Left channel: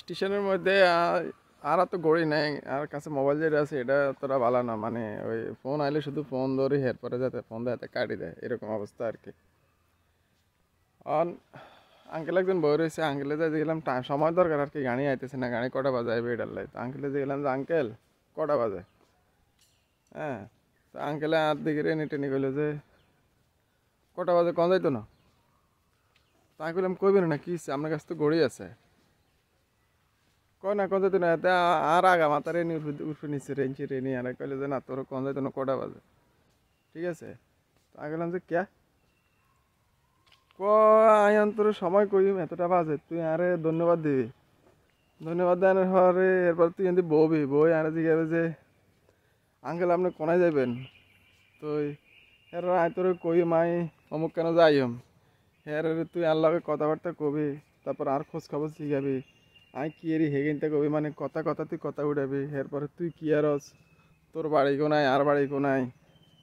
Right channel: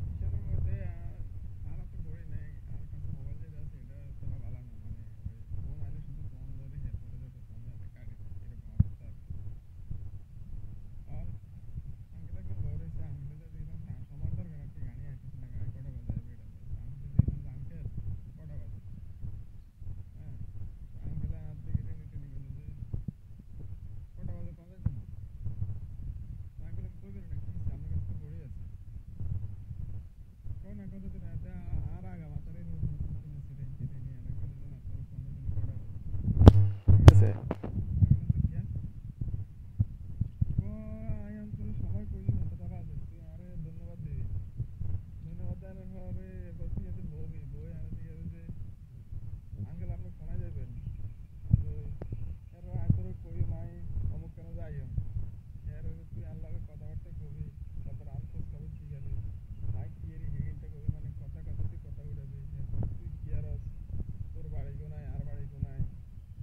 স্টেশনের মধ্যে আর তো গড়ি নাই, আর কাছে মোবাইল যেটা আছে এটা তোরা ভালো না, মানে ওই ফোন আইলে শুধু ফোন ধরি এরপরে যাতে ফোন দেয় কাটি দেয় এরকম অবস্থা আর কি। অন আঙ্কেল একজন বই রয়েছে, আঙ্কেলে যে গেলাম টাইম সময় দরকার আর কি, গাড়ি আইতেছে না, গাড়ি কটা বাজে আইবে এটার লাই। তো আঙ্কেলে যে গেলাম যে আঙ্কেল কটা বাজে, হ্যাঁ। তো আঙ্কেলে আর দিকে রেনি টেনি কইলো যে কটা বাজে কন যাইতো না। তো আমি কইলাম কইবেন না কি হইছে? আপনার কাছে তো গড়ি আছে। কয় না কন যাইতো না এতে আর আগা মাথা রেনি উঠে নিচ্ছে রেঞ্চি রেনি, আর কইলে যে না তোর কন যাইতো না কটা বাজে, ঠিক আছে। আমি বললাম যে ক্যা আয়ান তোর সময় কইম এতটা বাজে, তুই আরে ধন্যবাদ দিবি। ধন্যবাদ দেওয়ার পরে এরপর তুই এমনি বউবি বই আরে জিজ্ঞাসা যে আঙ্কেল আপনি কোনায় যাবেন। তো এর আয় তোর কই মাই অমুক কেন যাইম, এর তুই আর লগে কথাবার্তা কবি, তারপর আর খোঁজ খবর শিখাবি। আই কি এরি হেগেনটা কবি, মানে কথা কথা তুই কথা উঠাবি। এরপরে তুই কি আরস, তোর বাড়ি কোনায় আর বাড়ি কোনায়,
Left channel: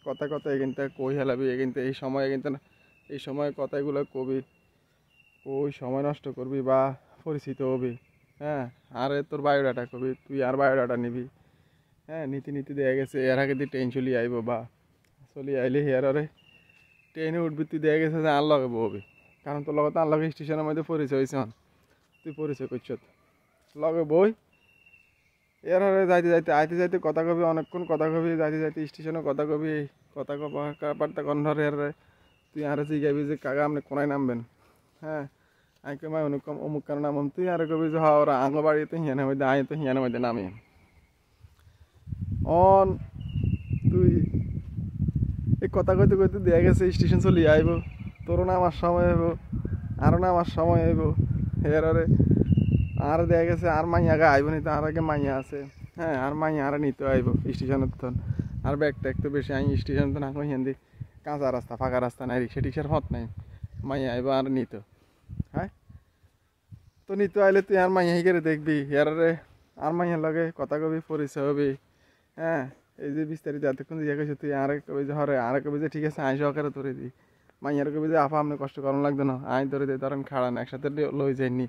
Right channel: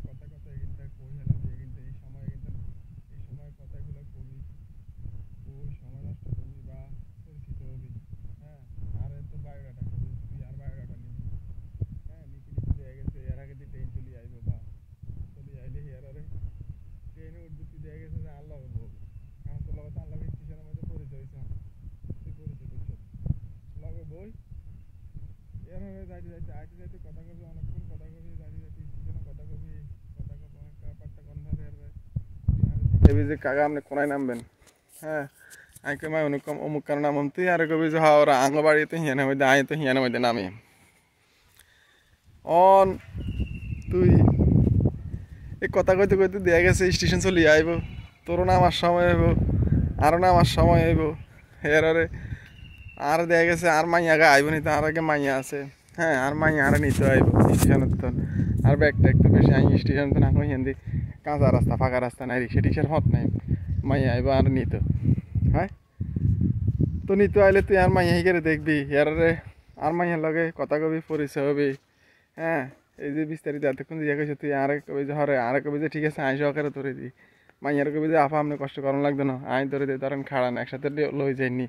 কথা কথা এখানটা কই হেলাবি, এখানটা এই সময় এখানটা এই সময় কথাগুলো কবি, ওই সময় নষ্ট করবি বা পরিচিত হবি। হ্যাঁ, আরে তোর বায়োডাটা কবি, তুই আর বায়োডাটা নিবি। হ্যাঁ, নীতি নীতি দেয়া গেছে এর আগে তুই ট্রেন চলি আইব বা চলি আইলে হেয়ার আরে ট্রেনে উঠবি, তুই দেয়া গেছে যে আর লগে বহবি, কারণ তোর লগে তো আর লগে স্টেশনের মধ্যে পরিচয় হয়েছে। তুই পরিচয় করছ লগে বই, এর হারে যাইতে যাইতে আইতে যাইতে কথা কবি, অনেকক্ষণ কথা কবি, যাইতে যাইতে স্টেশনে কথা কবি, কথা কথাবার্তা কন্ধারে এর তুই আরে জিগাবি যে কাকা আপনি কোনায় নামবেন। হ্যাঁ, আমি কই মাই অনুকম অমুক কারণ নামম, তুই আরে কবি যে হ্যাঁ ওরা আঙ্গ বাড়িতে হিয়ানের মধ্যে আয় তো হিয়ানের মধ্যে নামি অন। তুই এই কথা কইতে কইতে দেয়া গেছে স্টেশন চলি আইব, তোরও নামার সময় হইব, আরও নামার সময় হইব। এরারে আর দেয়া গেছে আর মাইয়া আগে আইব নি, তো আর আগে মাইয়া আছে। হ্যাঁ, আর মাইয়া আর নিতে আইব স্টেশনের তখন, আর ব্যাগটা একটু বেশি আই স্টেশন তো না কই হিন্দি কাঁচা রাস্তা ফাঁকা রাস্তা নাই, রিক্সা টিক্সার হত নাই, মাইয়া আইব আর নিত। হ্যাঁ, তো নিতে আইলে তুই আর মাইয়া হিকারে দেখবি, এরারে আর মাইয়ার লগে কথা কবি, পরিচয় হবি। হ্যাঁ, এই যে বিস্তারিত এতক্ষণ জিজ্ঞাসা করছি, তুই আরেক কবি যে হরে আরেক কবি যে ঠিক আছে আই সহকারে ধরে দিই। মাইয়ার কবি যে আপা আপনি কষ্ট করানো লাগতো না, আই ধরে দিই, ধরেন খাড়ান একসাথে লই যাইনি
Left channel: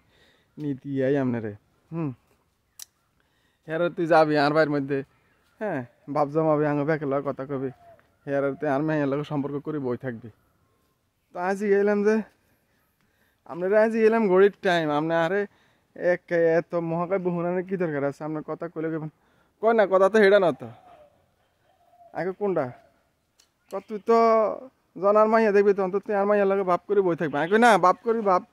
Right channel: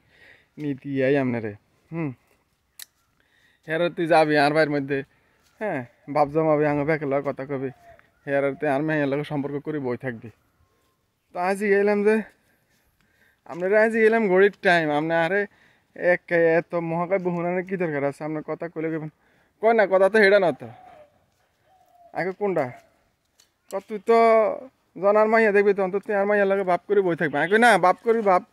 নীতি আই আপনারে। হুম, হেরে তুই যাবি আর ভাইয়ের মধ্যে, হ্যাঁ, বাপ জমাবি আঙ ব্যাকের লগে কথা কবি, হেরে তুই আর মাইয়ার লগে সম্পর্ক করে বই থাকবি। তো আজ গেলাম যে আপনারা আজ গেলাম ঘড়ির টাইম, আপনি আরে এক এত মহাকাব্য হুনানের কি দরকার আছে, আপনার কথা কইলে কইবেন। কয় না কথা তো হেডা না তো আগে কোনটা তুই তো জনার মাইয়া দেখবি, তখন তো তুই আর মাইয়ার লাগে বাপ করে বই থাকবি। আই কই না বাপ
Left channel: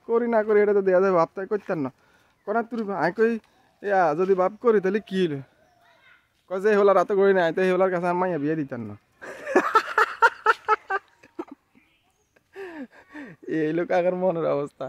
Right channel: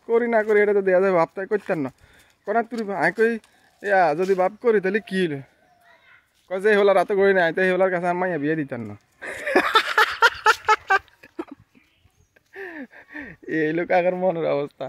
করি না করি এটা তো দেওয়া যাবে, বাপ তাই করতেন না কনা তুই। আই কই ইয়া যদি বাপ করি তাহলে কি হইল, কয় যে হলার রাতে করি না তো এই হলার কাছে আর মাইয়া বিয়ে দিতেন না। এই লোক আগের মনের অবস্থা।